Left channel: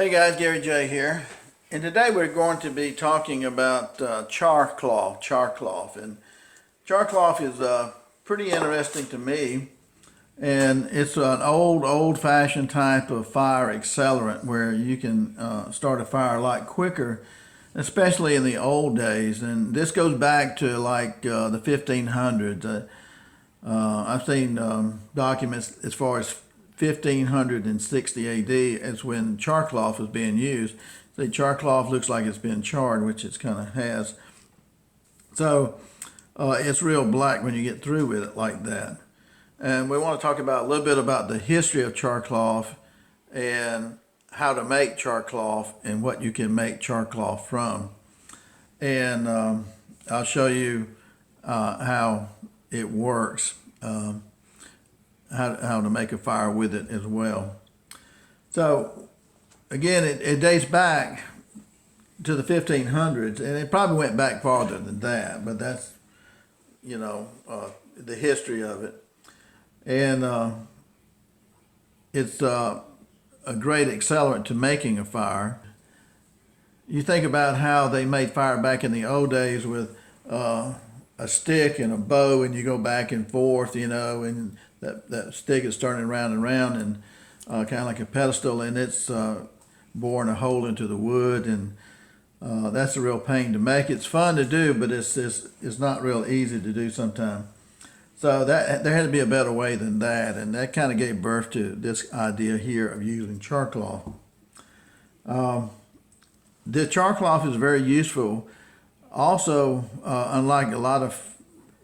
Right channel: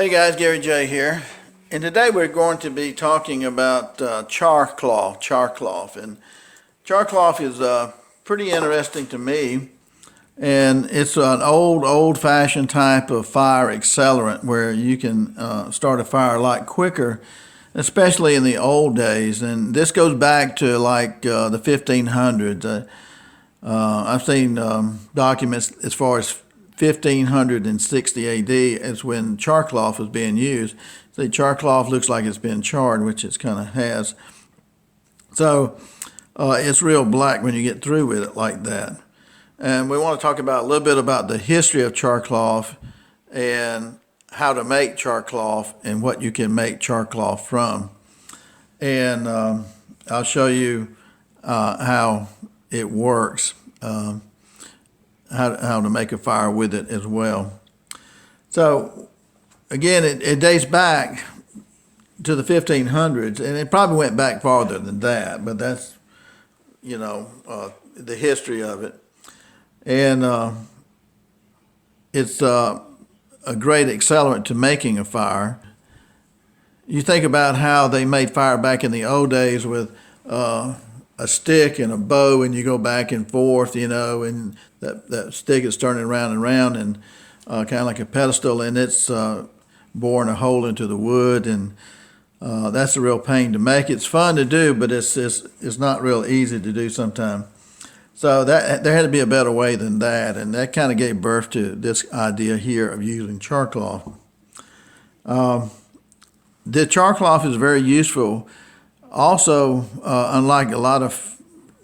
Hey guys, Gary J here, and today we're going to be talking about char cloth, and char cloth is pretty interesting to me, and it's an old-fashioned type of fire accelerant where you can start a fire a lot quicker, especially in the old days, and this goes back to like the 1500s. I've seen documents as far as 1560 AD as when char cloth was being used. See, char cloth looks like it's been charred, which it kind of has. So it's real black when you get through with it like that. And we want to talk about a little bit about the history of char cloth and how to make char cloth and what you can make char cloth from. And I'll show you how it works. How to make a fire with it as well. So again, it dates back to the 1500s, and it probably went back farther than that, but that's, the history of it. And it's a great accelerant to making a fire. You think about how they made fire back in the old days with a stick and a bow, and you go back and forth, and that stick is turning around and around, and kind of like a pedestal, and it's boring a hole into the wood, and that's a real pain to make. It's fun to do, but it's not real easy to do sometimes. So that there had to be a better way than that, and that kind of gave birth to this idea here of using char cloth. The char cloth is very useful. Also, unlike a lot of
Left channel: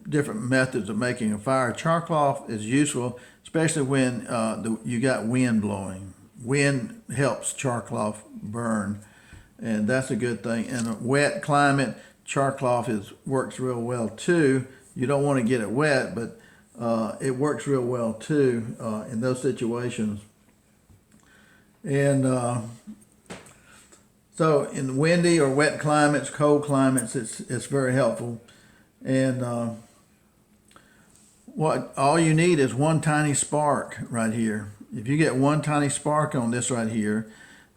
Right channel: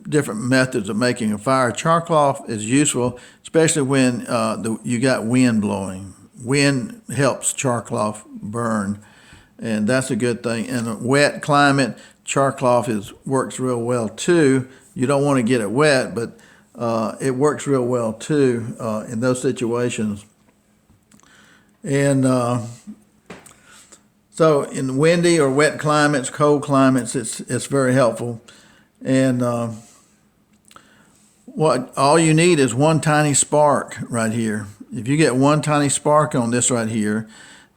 different methods of making a fire, char cloth is useful, especially when you got wind blowing. Wind helps char cloth burn, and that's a good thing. In a wet climate, char cloth works real well too. You don't want to get it wet, but it works real well too in those situations. And so in windy or wet climates, cold climates, it's very helpful. And all you need is one tiny spark right here. If you get one tiny spark on this right here,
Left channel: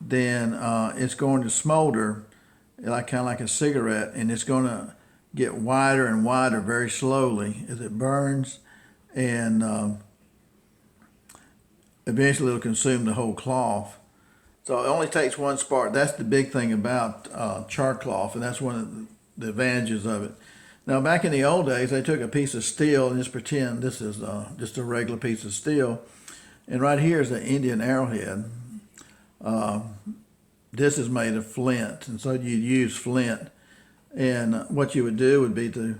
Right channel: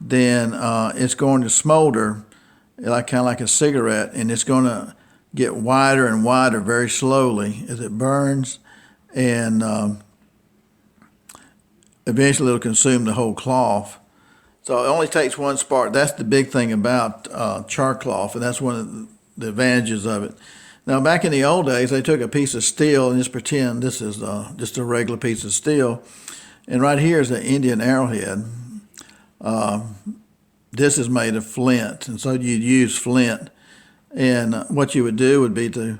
then it's going to smolder kind of like a cigarette, and it's going to get wider and wider very slowly as it burns, and eventually it'll consume the whole cloth. So it only takes one spark. That's the big thing about char cloth, and that's one of the advantages of it. Now, back in the old days, they took a piece of steel and just pretend this is just a regular piece of steel. And right here is an Indian arrowhead. This is made of flint, and so you'd use flint. And what you would do would be to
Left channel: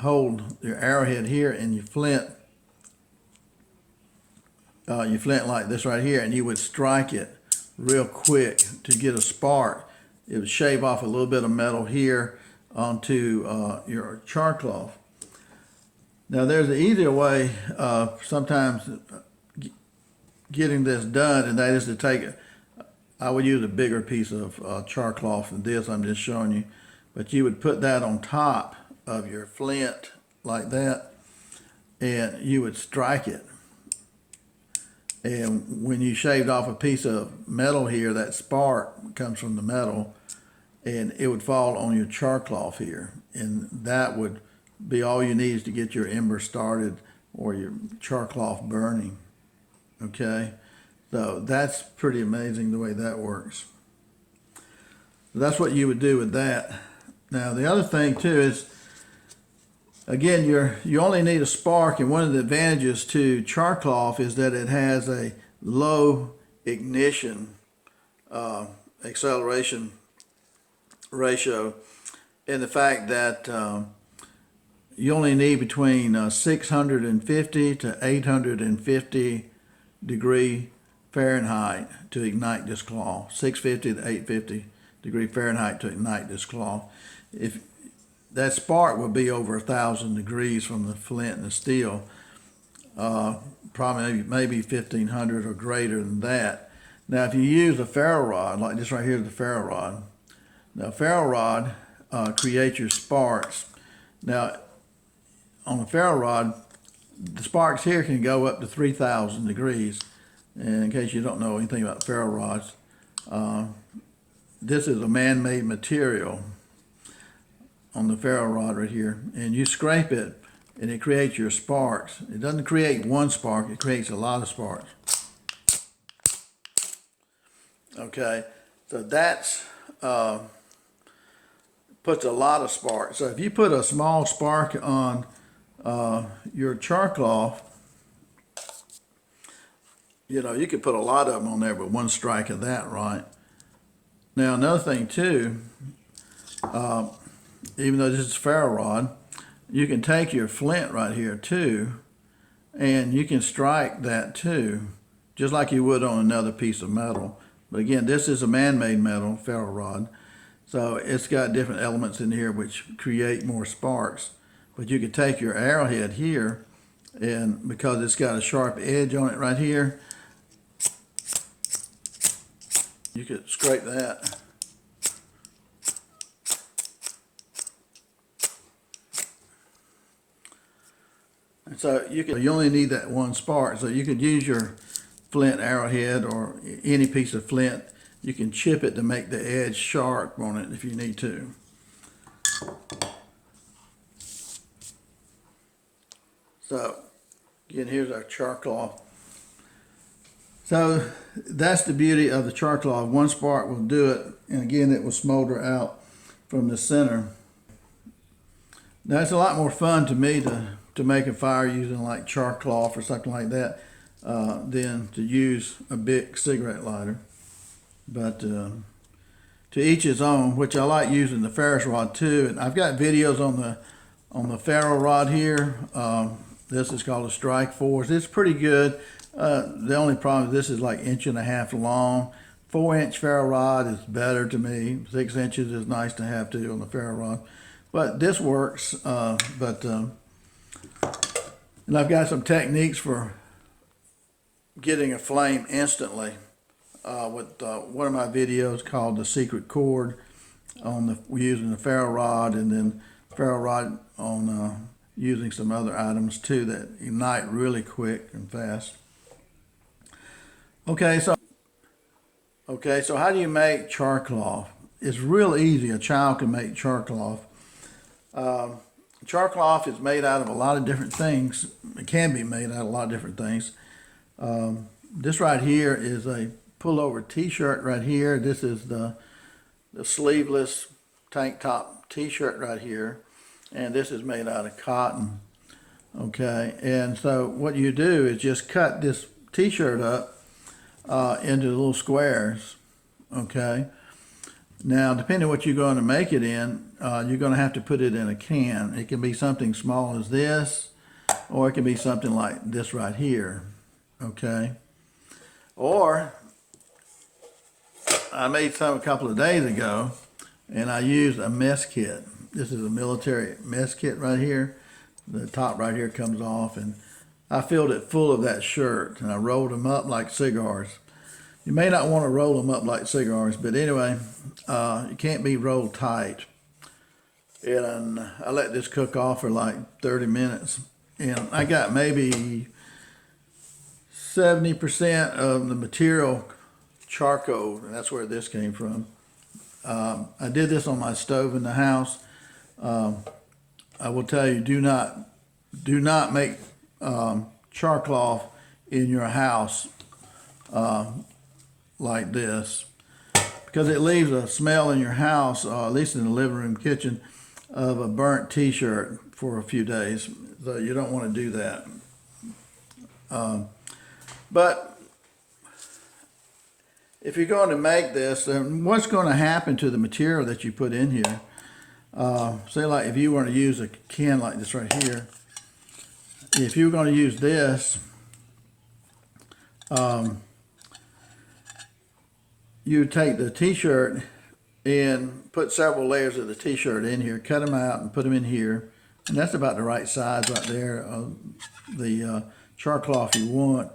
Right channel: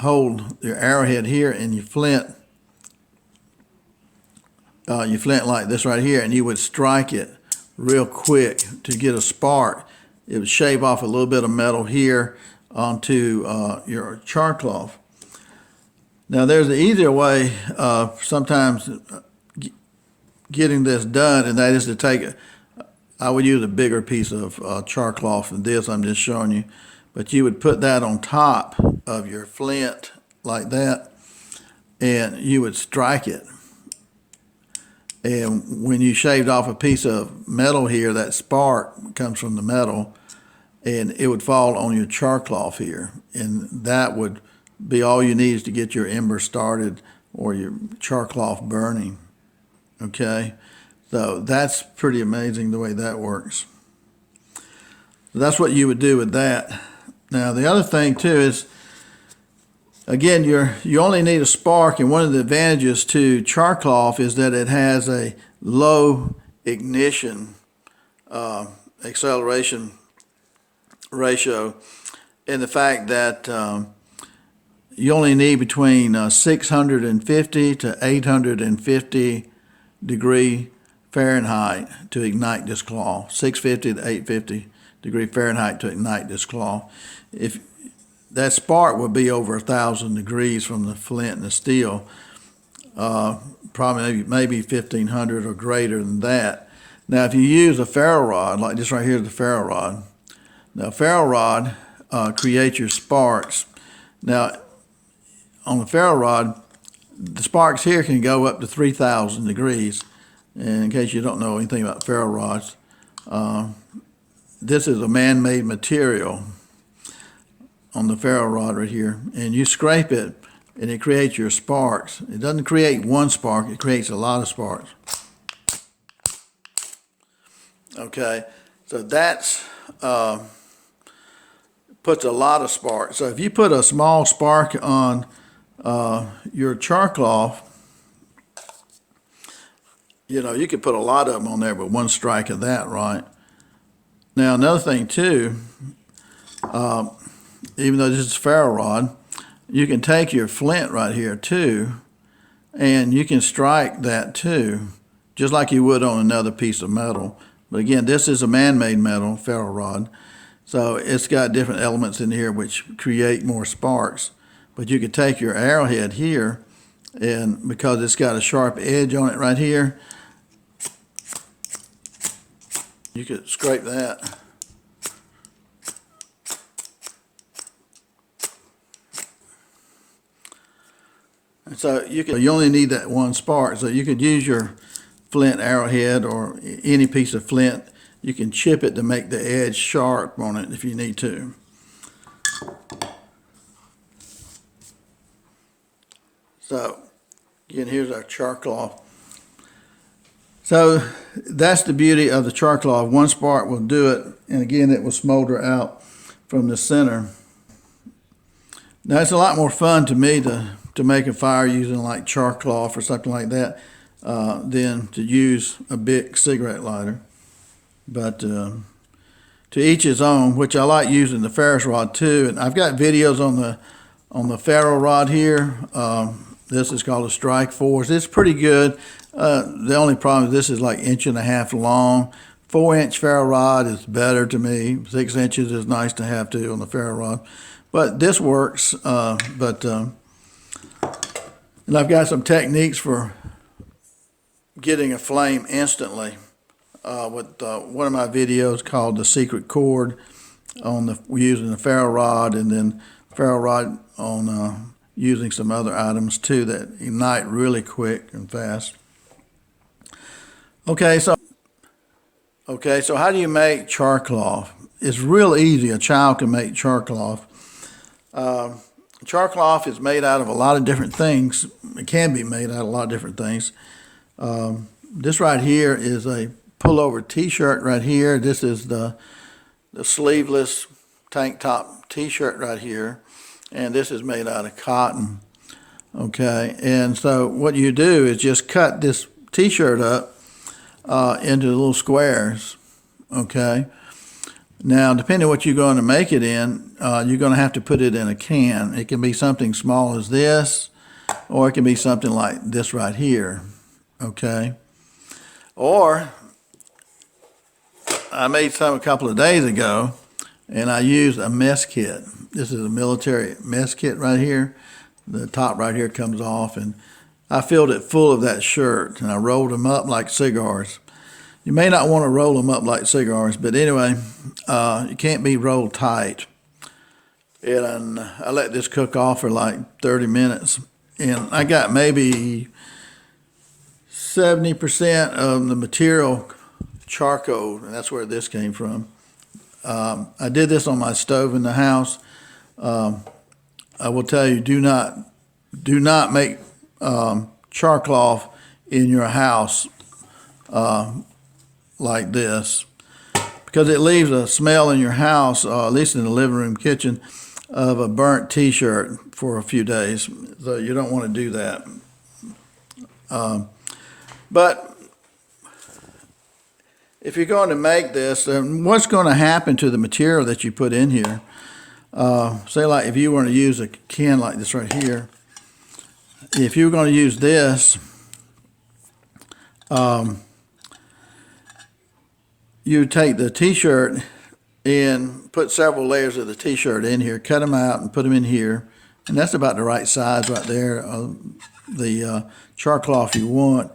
hold your arrowhead here, and you flint like this right here, and you would strike it real quick to get a spark. It would shave off a little bit of metal here onto your char cloth. Now there's an easier way of sometimes getting this done, and that is to I would use a bigger piece of char cloth than this I'm just showing you, but you would put that on top of your flint like that, and you would strike it. And when you shaved off a piece of metal here, that spark comes from the metal, and it would fall on your char cloth here. And that would be all you need to get your ember started or your char cloth burning. Okay? So that's pretty amazing the way that works. That's what you would do with that. Now, the other thing too is, again, you only need a spark, and one of the advantages to char cloth is that it has a low ignition acceleration ratio, and the fact that you only need between 650 to 850 degree Fahrenheit to ignite this cloth. 650 to 850 degree Fahrenheit to ignite this cloth. If that spark would be over 1,000 degrees from the flint and the steel, probably maybe 1,500 or greater than that. Now, if you use a ferro rod, like this right here is the ferro rod. Now, ferro rod creates your sparks. Now, on the ferro rod, the sparks here can go up to 3,000 degrees. And in case you don't know anything about ferro rods, This is a man-made material on the ferro rod right here, and you scrape it and it creates your sparks. It doesn't create one spark, it creates a lot of sparks. Okay, so that's puts a lot of spark. So if you put a small spark on your char cloth, you know, you could put a lot of them on there with one strike of that, right? Now, another thing too, even though this is ferro rod, you can take your flint right here too, and you can strike that too, just like you would on another piece of metal. But again, this is a man-made metal, ferro rod, so it's got different elements in here which create more sparks. But you could take your arrowhead here, and because it's got a sharp edge on it right here, you could scrape that. And so you only need that one spark. So you could use your flint arrowhead or any piece of flint. You can chip it to make the edge sharp on it if you need to. So again, here's our char cloth. So that's the beauty of the char cloth. One spark will do it, and again, it will smolder out from the center. Now it's a lot more fun to me to make a fire using like char cloth or something like that than to use a big cigarette lighter. But to each his own, which I like using the ferro rod too. And I've got videos on the ferro rod here. This is called a Strike Force. It's pretty good. The only problem is this is like 1.5 inches long. 4-inch ferro rod is better to me. 6 inches is nice to have too on the ferro rod. But this works. And I've got some techniques for getting a flame instantly with one of my videos called The Secret Chord on using the ferro rod, and then ferro rod on using some other items too that ignite really quick and fast. Okay, so how do you make char cloth? It's real easy. A child can make char cloth. Char cloth is made out of a lot of different things. It can be made out of a lot of different things. This right here is a pullover t-shirt right here. This is the sleeveless tank top t-shirt right here. And this is made out of cotton. Okay, and so what you do is just cut this t-shirt up into little squares. Okay. Now, depending on what you're going to make it in, you're going to have to put it in a can. It can be something small as this, or it can be something like this right here, okay? Or, I made some a couple of days ago, and I used a mess kit. This is a military mess kit right here. The top right here comes off, and I filled it full of that shirt, and I rolled them up like cigars. You may not want to roll them up like cigars, but anyway, it can't be rolled tight. And I let this cook off for like 30 minutes. And I got maybe 70% of the material charcoal, and that's where this came from. I did this on my stove in the house. I will tell you, do not make char cloth in your house like this, because it leaves a smell in your house, at least in the living room kitchen, of a burnt t-shirt for a few days. So you don't want to do that. But if you're going to make this, what's going to happen to the material that you put in here? Say like if you want to use a can like this right here, if you were going to use this, you take the t-shirt and put several layers of the t-shirt in here, cut them out and put them in here, and that's about the right size right there of the char cloth you want.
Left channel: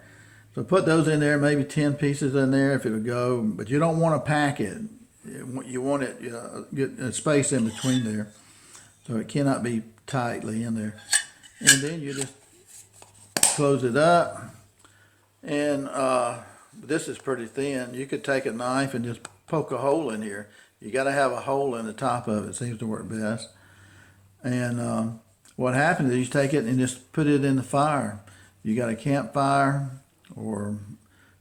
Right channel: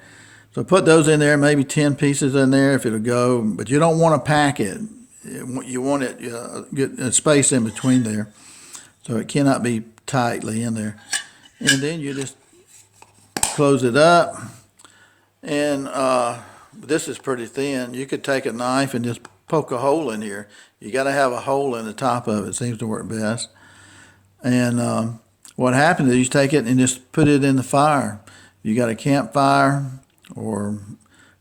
So put those in there, maybe 10 pieces in there if it'll go, but you don't want to pack it. You want it get a space in between there, so it cannot be tightly in there. And then you just close it up, and this is pretty thin. You could take a knife and just poke a hole in here. You got to have a hole in the top of it. It seems to work best. And what happens is you take it and just put it in the fire. You got a campfire or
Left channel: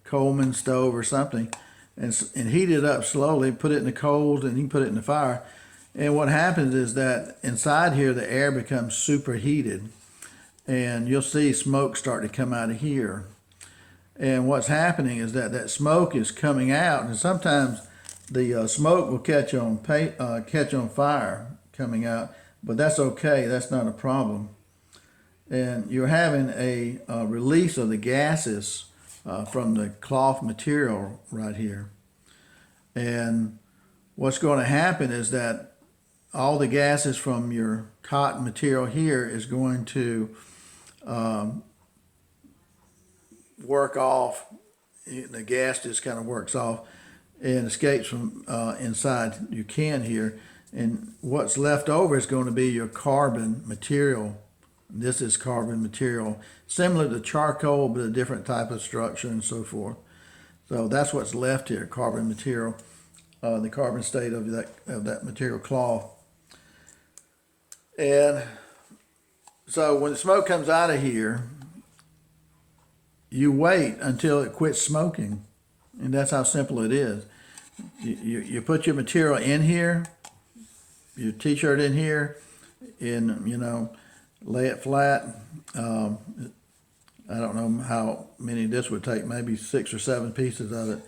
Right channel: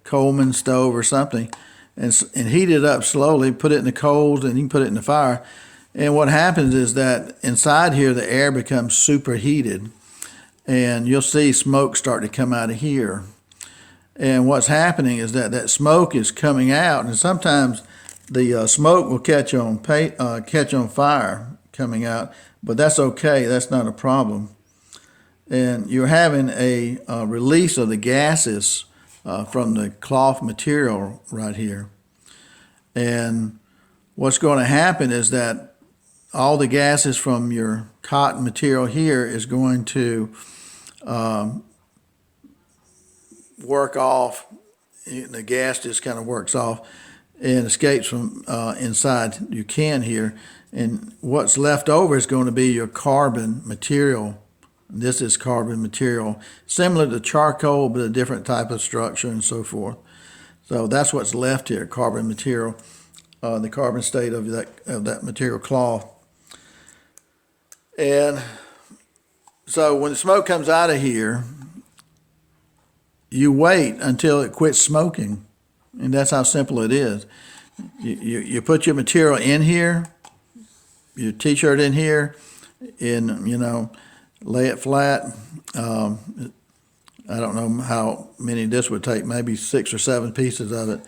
Coleman stove or something, and heat it up slowly. Put it in the coals, and you can put it in the fire. And what happens is that inside here, the air becomes superheated, and you'll see smoke start to come out of here. And what's happening is that that smoke is coming out, and sometimes the smoke will catch on fire coming out, but that's okay. That's not a problem. And you're having a release of the gases from the cloth material right here. And what's going to happen is that all the gases from your cotton material here is going to work off. The gas just kind of works off and escapes from inside your can here. And what's left over is going to be your carbon material. This is carbon material, similar to charcoal, but a different type of structure and so forth. So that's what's left here, carbon material, the carbon state of that material cloth. And so when the smoke comes out of here, you wait until it quits smoking. And that's how simple it is. You put your material in here, your t-shirt in here, and, lay it flat. I don't know how many this would take, maybe 6 or 7 pieces of it.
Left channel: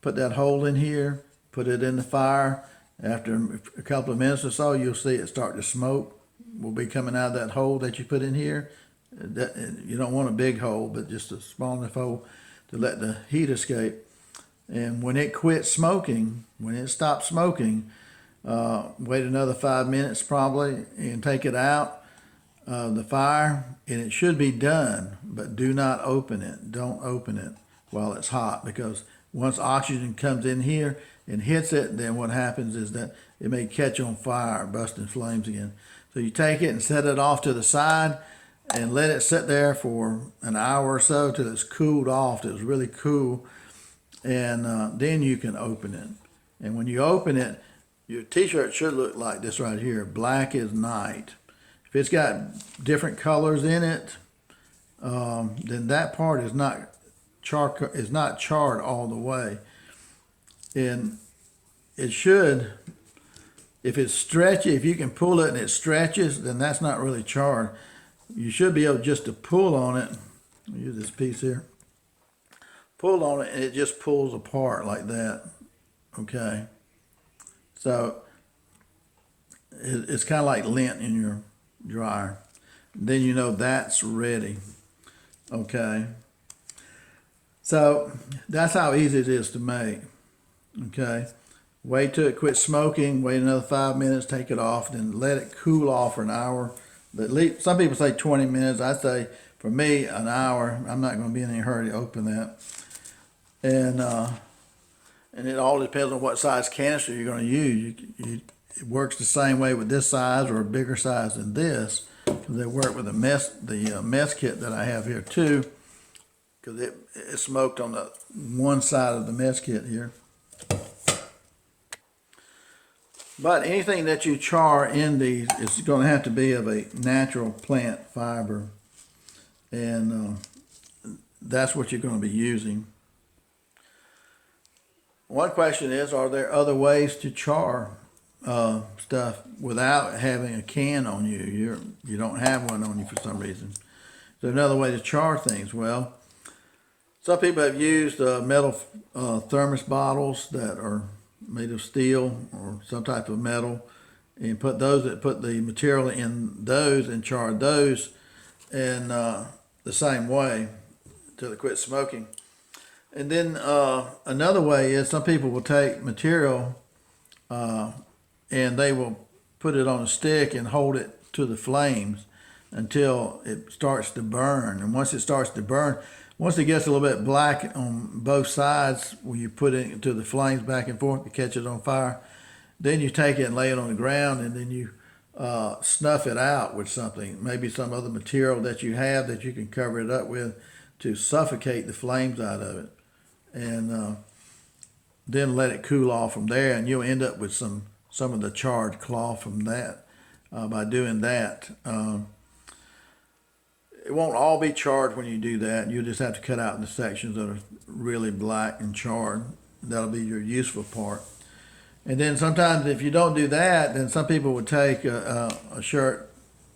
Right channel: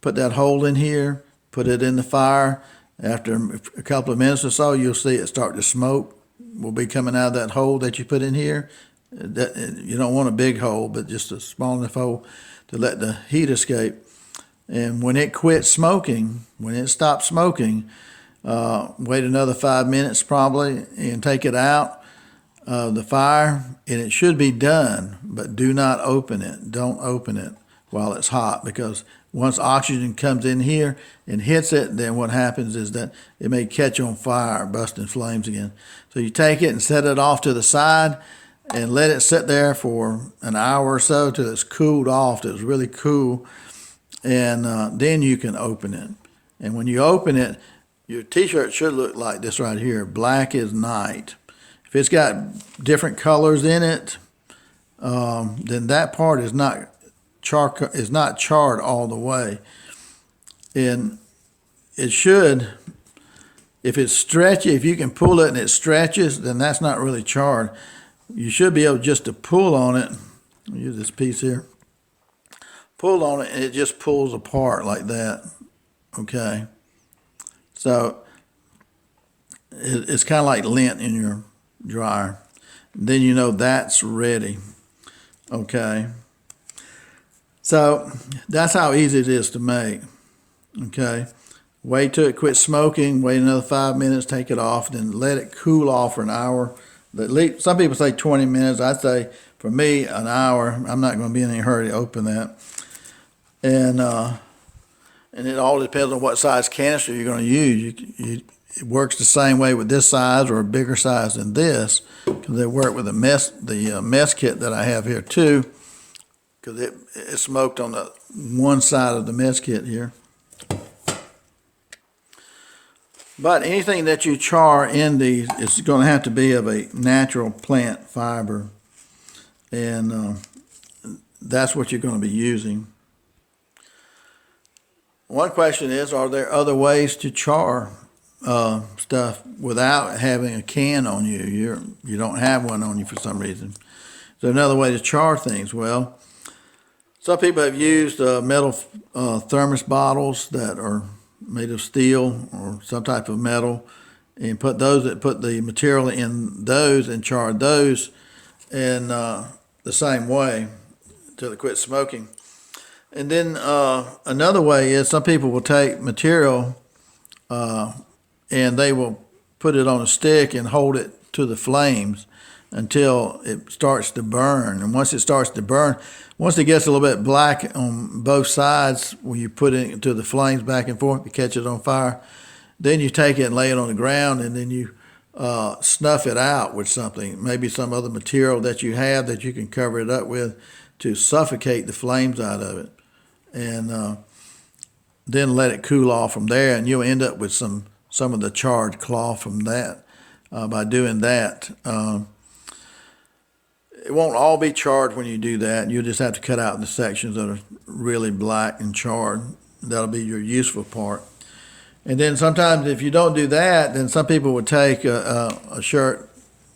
Put that hole in here, put it in the fire. After a couple of minutes or so, you'll see it start to smoke. Will be coming out of that hole that you put in here. You don't want a big hole, but just a small enough hole to let the heat escape. And when it quits smoking, when it stops smoking, wait another 5 minutes probably and take it out of the fire, and it should be done, but do not open it. Don't open it while it's hot, because once oxygen comes in here and hits it, then what happens is that it may catch on fire, bust in flames again. So you take it and set it off to the side and let it sit there for an hour or so till it's cooled off, till it's really cool, and then you can open it. And when you open it, your t-shirt should look like this right here, black as night. If it's got different colors in it, then that part is not charred all the way. And it should, if it's stretchy, if you can pull it and it stretches, then that's not really charred. You should be able just to pull on it. I'll use this piece here. Pull on it and it just pulls apart like that. Okay. So it's kind of like lint in your dryer. Then you know that's ready. Okay. So that's how easy it is to make. Okay. Wait till it quits smoking, wait another 5 minutes, take it off, then let it cool off for an hour. Some people say 20 minutes. I say, for me, an hour. I'm not going to be in any hurry to open that. And it all depends on what size canister you're going to use. It works the same way with this size or a bigger size than this, because they work with the mess kit that I have here too, because it smoked on the one side of the mess kit here. But anything that you char in these, it's going to have to be of a natural plant fiber, and that's what you're going to be using. One question is, are there other ways to char stuff without having a can on you? You don't have one on you for some reason. Is there another way to char things? Well, some people have used metal thermos bottles that are made of steel or some type of metal, and put the material in those and char those in the same way until it quits smoking. And then another way is some people will take material and they will put it on a stick and hold it to the flames until it starts to burn. And once it starts to burn, once it gets a little bit black on both sides, when you put it into the flames back and forth, you catch it on fire, then you take it and lay it on the ground, and then you snuff it out with something, maybe some other material that you have that you can cover it up with to suffocate the flames out of it. and then let it cool off from there, and you'll end up with some of the charred cloth from that by doing that. It won't all be charred when you do that. You'll just have to cut out the sections that are really black and charred. That'll be your useful part. And then sometimes if you don't do that, then some people would take a shirt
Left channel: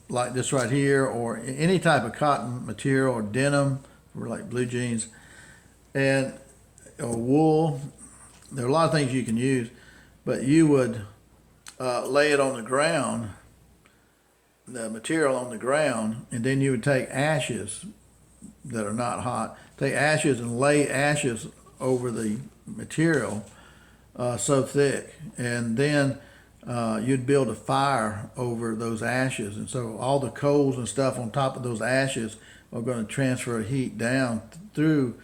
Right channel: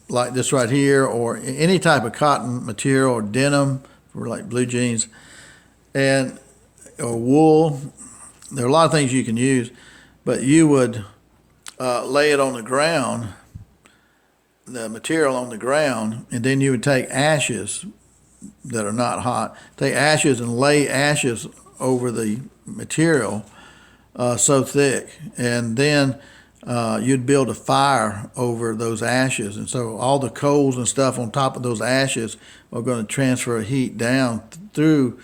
like this right here, or any type of cotton material, or denim for like blue jeans, and or wool. There are a lot of things you can use, but you would lay it on the ground, the material on the ground, and then you would take ashes that are not hot, take ashes and lay ashes over the material so thick, and then you'd build a fire over those ashes, and so all the coals and stuff on top of those ashes are going to transfer heat down through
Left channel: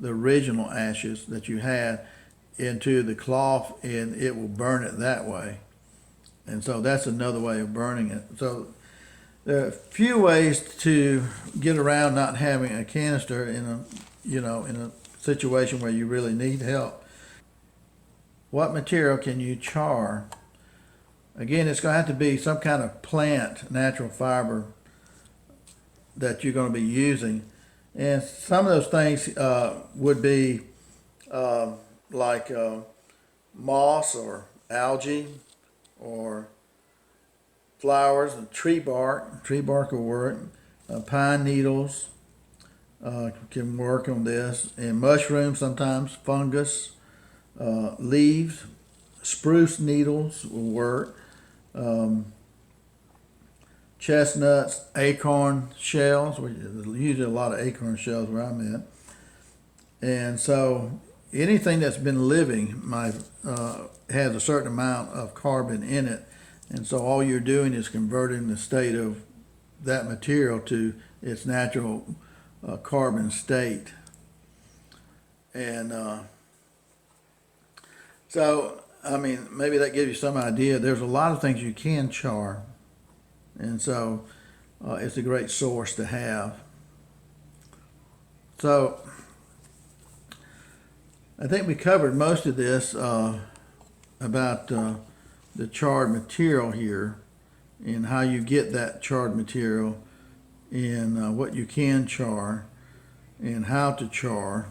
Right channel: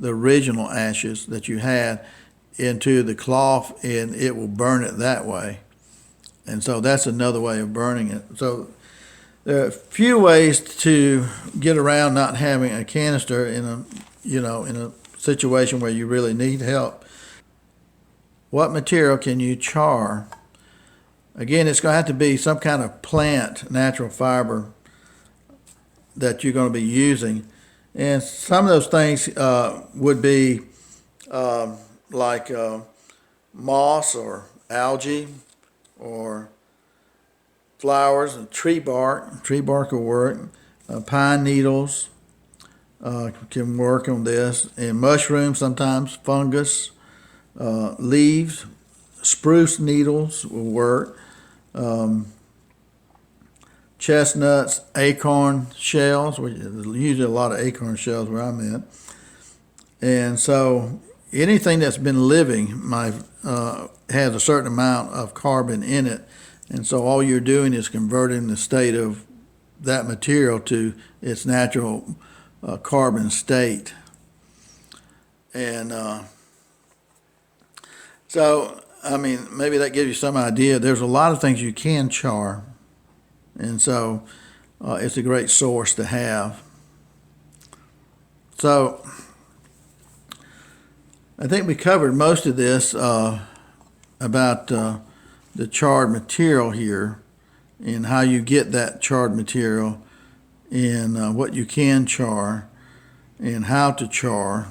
the original ashes that you had into the cloth, and it will burn it that way. And so that's another way of burning it. So there are a few ways to get around not having a canister in a situation where you really need help. What material can you char? Again, it's going to have to be some kind of plant, natural fiber that you're going to be using. And some of those things would be like moss or algae or flowers and tree bark. Tree bark will work. Pine needles can work on this. And mushrooms sometimes, fungus, leaves, spruce needles will work. Chestnuts, acorn shells. There's usually a lot of acorn shells where I'm at. And so anything that's been living has a certain amount of carbon in it. And so all you're doing is converting the state of that material to its natural carbon state. And so, I mean, maybe that gives you some idea. There's a lot of things you can char. And so it's a great source to have. So I think we covered most of this about the charred material here, and how you get that charred material, and what you can char, and how to char,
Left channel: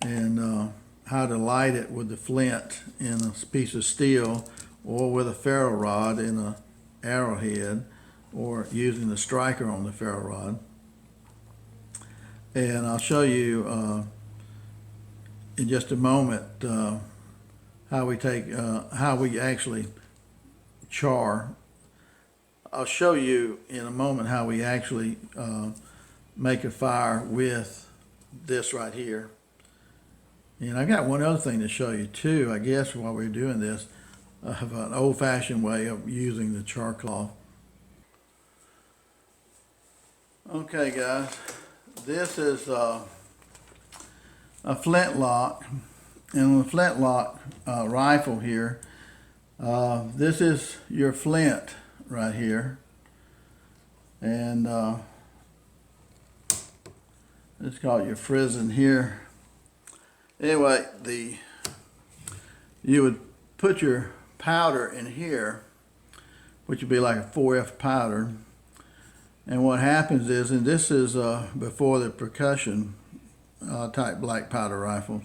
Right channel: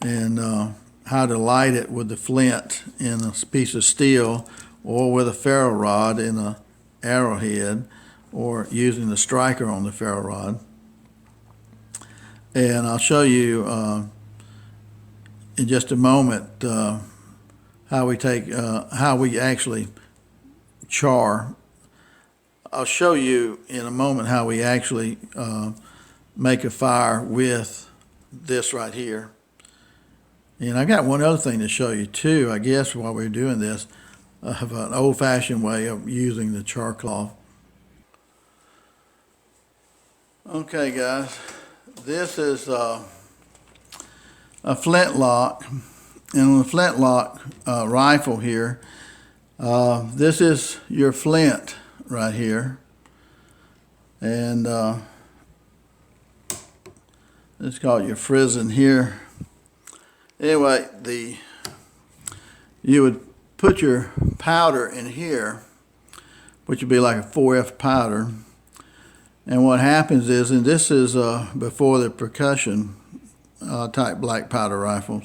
and how to light it with the flint in a piece of steel, or with a ferro rod in a arrowhead, or using the striker on the ferro rod. And I'll show you in just a moment how we actually char. I'll show you in a moment how we actually make a fire with this right here. And I got one other thing to show you too, I guess, while we're doing this, of an old-fashioned way of using the char cloth. Okay, guys, this is a flintlock, and on the flintlock rifle here, this is your flint right here, and let's call it your frizzen here. Anyway, you would put your powder in here, which would be like a 4F powder. And what happens is, and this is before the percussion type black powder rifles.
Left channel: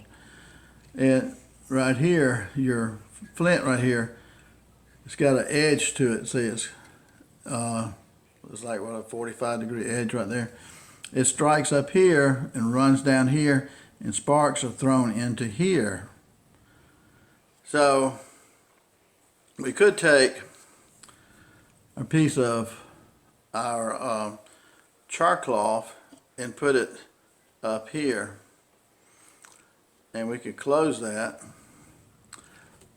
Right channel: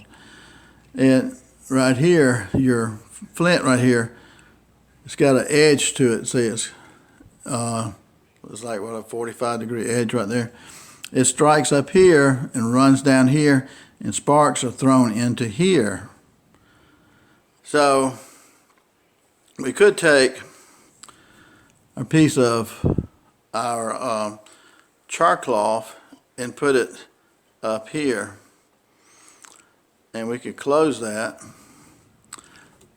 And right here, your flint right here, it's got an edge to it. See, it's like what, a 45-degree edge right there. It strikes up here and runs down here, and sparks are thrown into here. So we could take a piece of our char cloth and put it up here, and we could close that,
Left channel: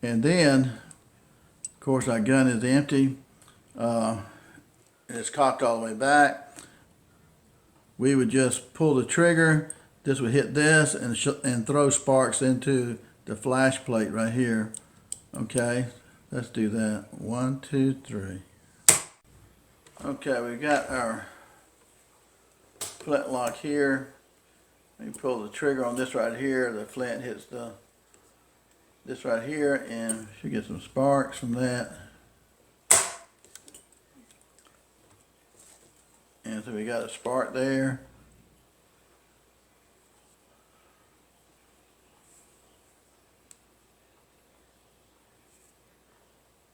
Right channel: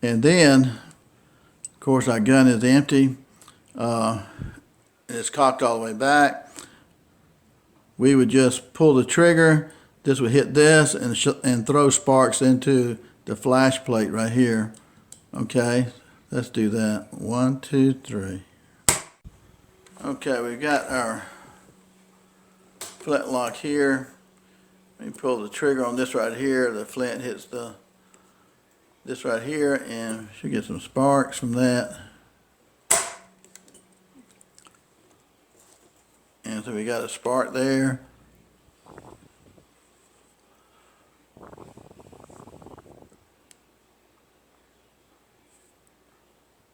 and then of course our gun is empty, it's cocked all the way back. We would just pull the trigger, this would hit this and throw sparks into the flash plate right here. Okay, let's do that. 1, 2, 3. Okay, we've got our flintlock here, You pull the trigger on this right here, the flint hits this right here, and should get some sparks from that. And so we got a spark there.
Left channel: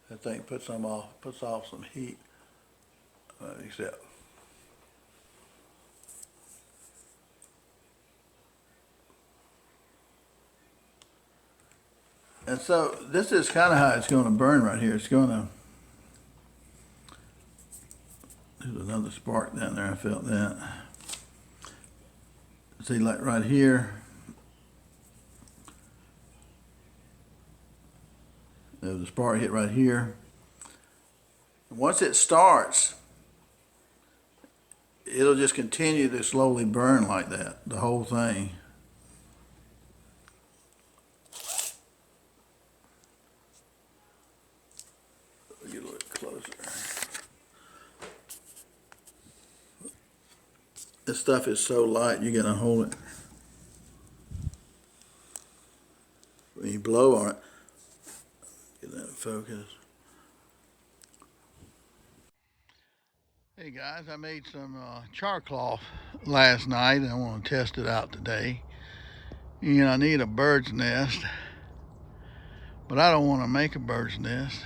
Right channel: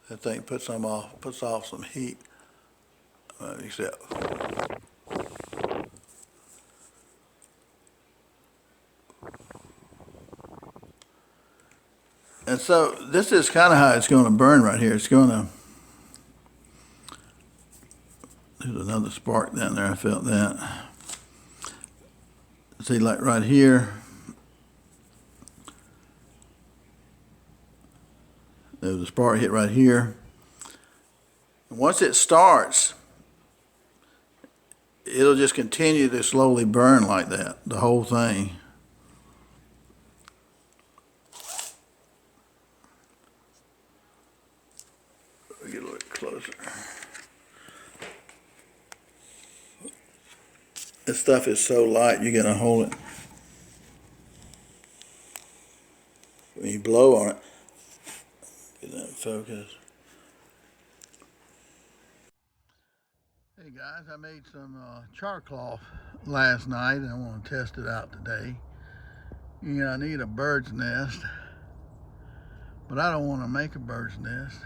That thing puts off some heat. Except. And so this is kind of how it's going to burn right here. It's going to. There's another spark down there. I felt that. See, like right here. There's a spark hit right here. Once it starts, it'll just continue to slowly burn like that, the whole thing. Get a little closer. This stuff is so light, you're gonna hold it. When you blow on it, get that in focus. Hey guys, I made some char cloth last night and I want to test it out today. And I need a bird's nest, but I don't want to make a bird's nest.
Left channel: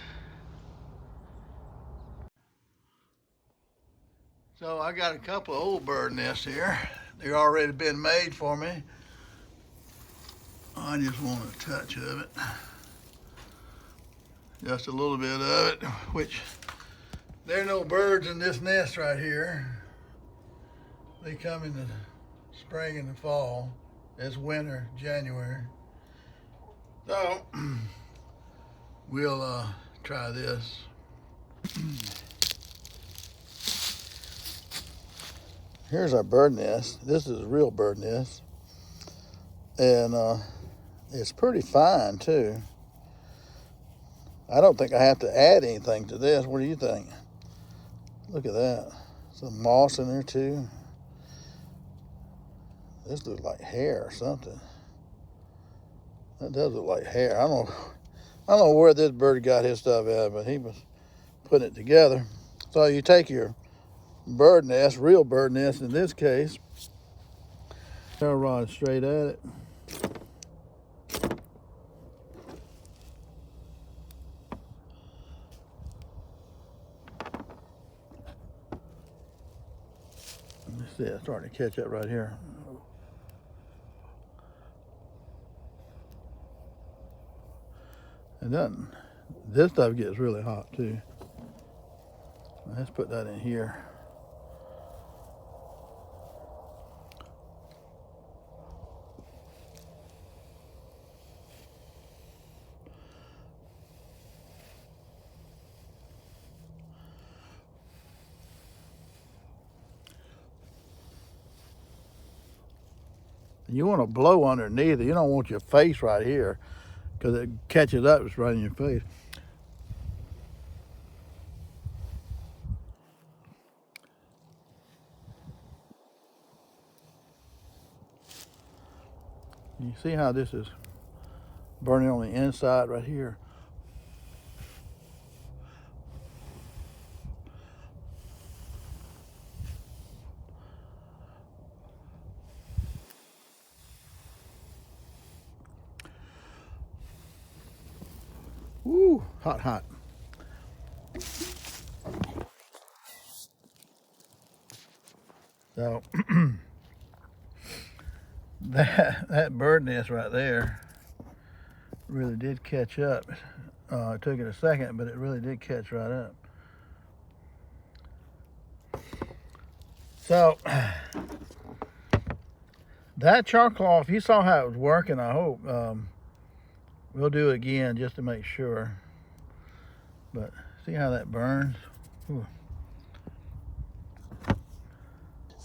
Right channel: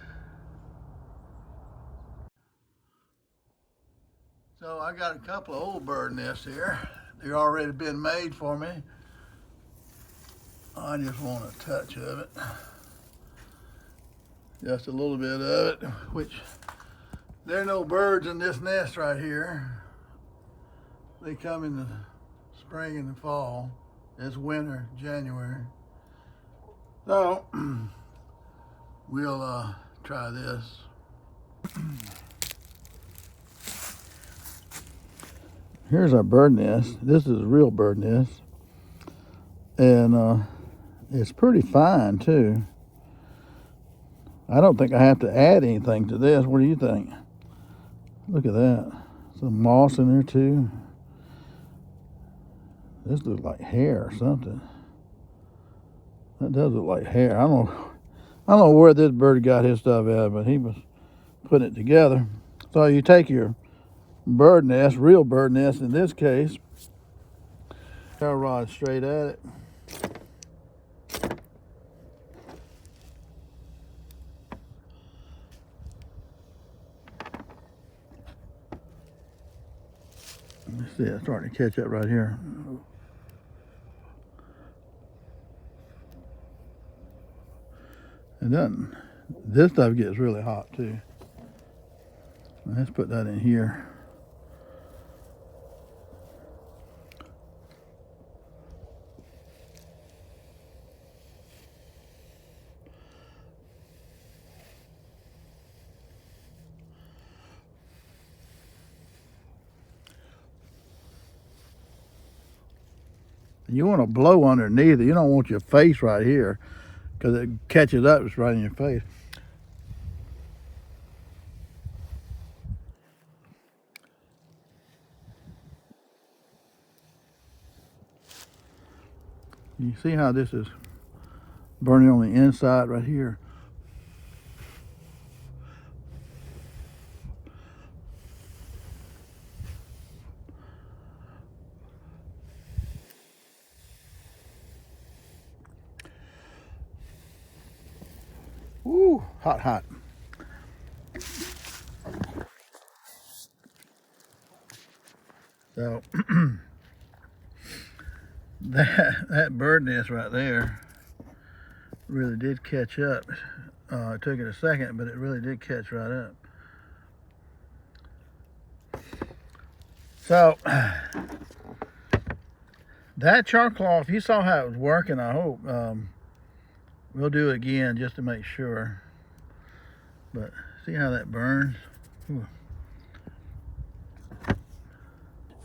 So I got a couple of old bird nests here. They're already been made for me. I just want a touch of it. Just a little bit of it, which there are no birds in this nest right here. They come in the spring and the fall. It's winter, January. So we'll try this. Here's our bird nest. This is a real bird nest. And it's pretty fine too. I don't think I have to add anything to this. What do you think? Look at that. Some moss in there too. This looks like hair or something. That does look like hair. I don't know where this bird got his stuff at, but he was putting it together. So you take your bird nest, real bird nest in this case, Ferro Rod straight at it. Let's see, it's starting to catch up right here. And then this stuff gets really hot too. Let's put that in here. You want to blow underneath it. You don't want your face right here because it catches up, it's right in your face. You see how this is burning on the inside right here? Woo, hot, hot. So that bird nest right there really did catch up. It took it a second, but it really did catch right up. So that char cloth, you saw how it was working, I hope. We'll do it again just to make sure. But see how that burns? Ooh.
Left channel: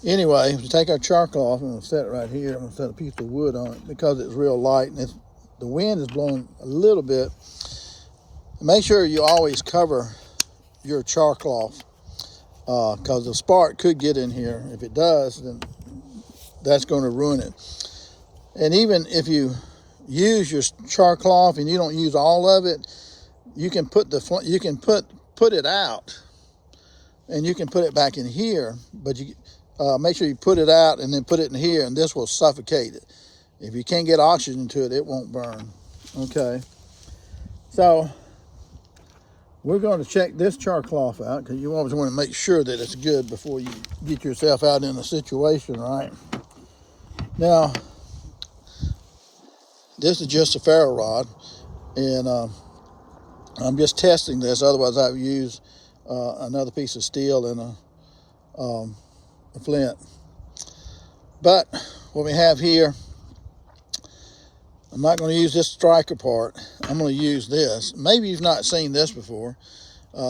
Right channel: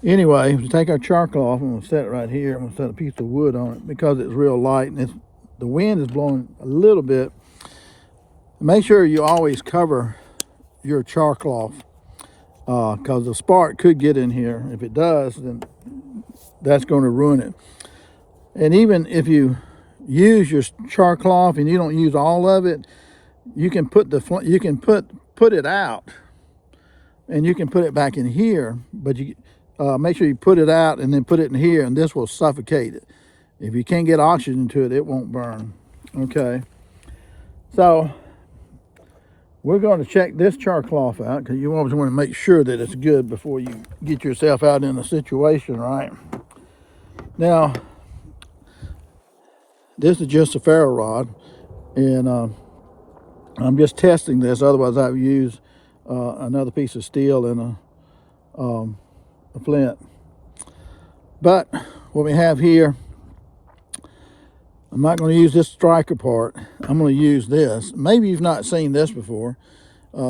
Anyway, we'll take our char cloth and we'll set it right here. I'm gonna set a piece of wood on it because it's real light and the wind is blowing a little bit. Make sure you always cover your char cloth because the spark could get in here. If it does, then that's going to ruin it. And even if you use your char cloth and you don't use all of it, you can put it out, and you can put it back in here, but you make sure you put it out and then put it in here, and this will suffocate it. If you can't get oxygen to it, it won't burn. Okay, so we're going to check this char cloth out, because you always want to make sure that it's good before you get yourself out in a situation, right? Now, this is just a ferro rod, and I'm just testing this. Otherwise, I would use another piece of steel and a flint. But what we have here, I'm not going to use this striker part. I'm going to use this. Maybe you've not seen this before.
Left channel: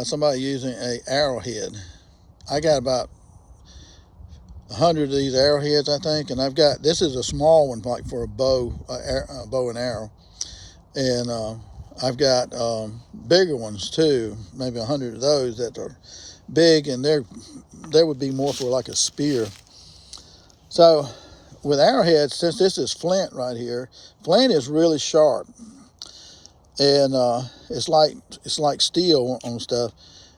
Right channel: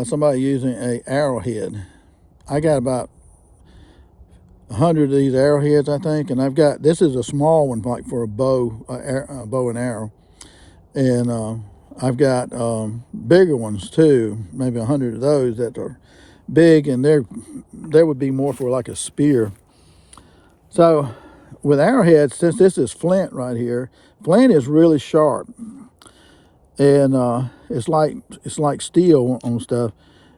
Somebody using a arrowhead. I got about 100 of these arrowheads, I think, and I've got, this is a small one, like for a bow and arrow, and I've got bigger ones too, maybe 100 of those that are big, and they would be more for like a spear. So with arrowheads, since this is flint right here, flint is really sharp, and it's like steel on stuff.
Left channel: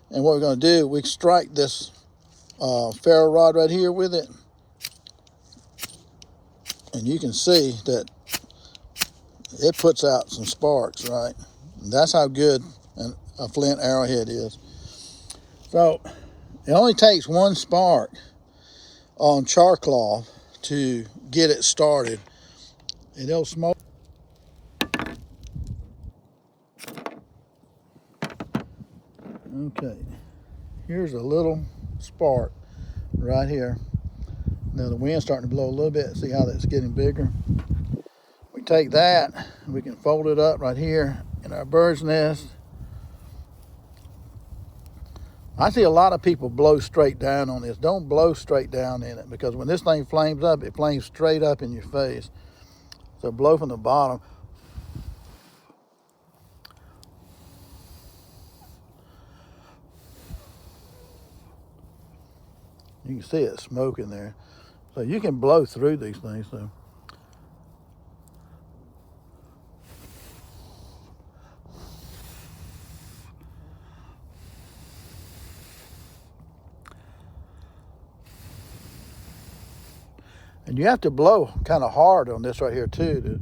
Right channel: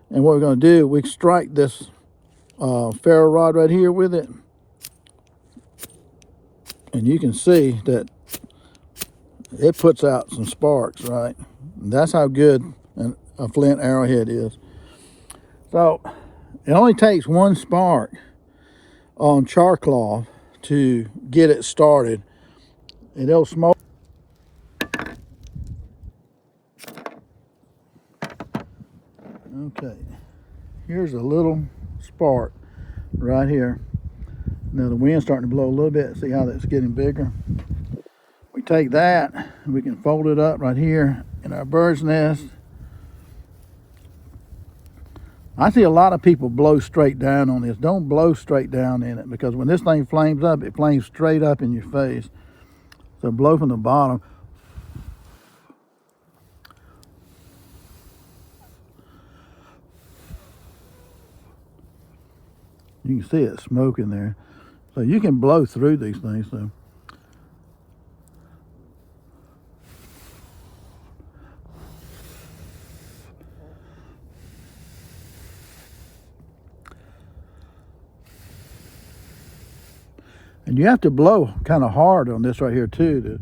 And what we're going to do, we strike this ferro rod right here with it, and you can see that it puts out some sparks, right? And that's how good a flint arrowhead is. So it only takes one spark on char cloth to get it started, and it'll smoke. Okay, here's a little spark right here. Now the wind's starting to blow a little bit. See how that's getting bigger? We take that and we can fold it up right here in our bird's nest. I see a lot of people blow straight down on this. Don't blow straight down in it, because when this thing flames up, it flames straight up in your face. So blow from the bottom. You can see it smoking there. So you can blow through these things. So and you have to blow kind of hard on this right here too.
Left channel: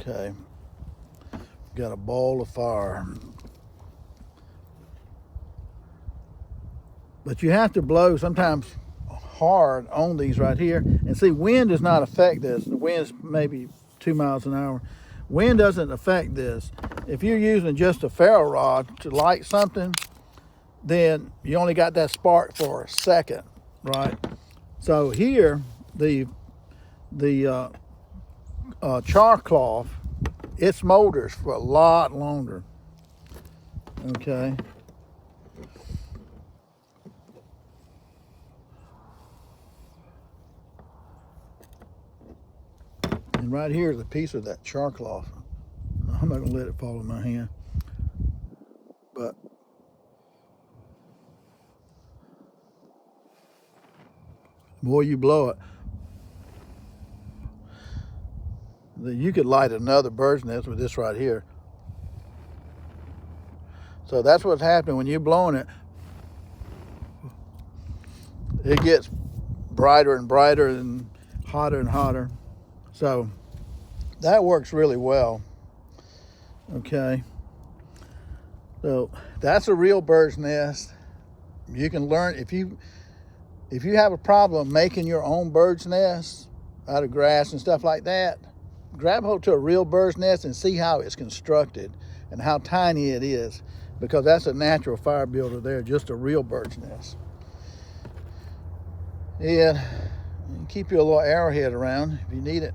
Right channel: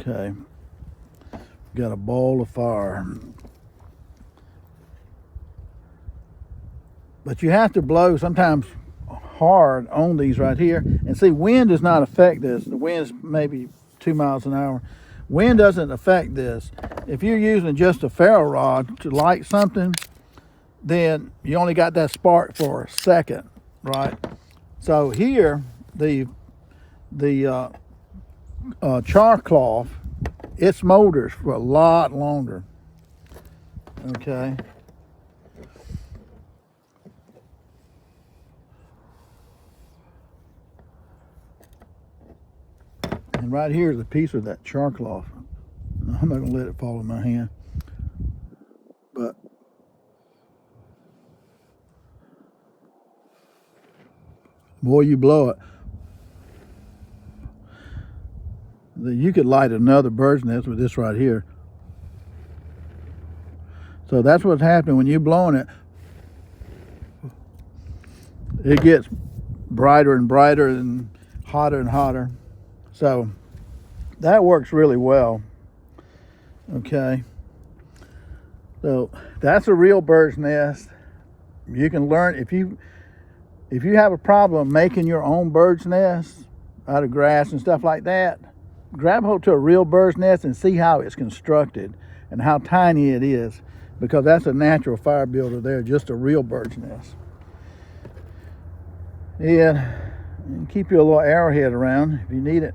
Okay, got a ball of fire. But you have to blow sometimes hard on these right here. And see, wind does not affect this. The wind's maybe 2 miles an hour. Wind doesn't affect this. If you're using just a ferro rod to light something, then you only got that spark for a second, right? So here, the char cloth, it smolders for a lot longer. Okay. And right here is a piece of that char cloth. I'm not gonna let it fall in my hand, but boy, you blow it, you could light another bird's nest with this right here. So that's what's happening when you're blowing it. It gets brighter and brighter and hotter. So that works really well. Okay. So that's a real bird's nest. You can learn, if you have a problem making your own bird's nest out of grass and stuff like that, grab hold to a real bird's nest and see how it's constructed and how tiny it is, because that's a natural fire builder there, just a real bird's nest. And keep your little arrowhead around if you need it.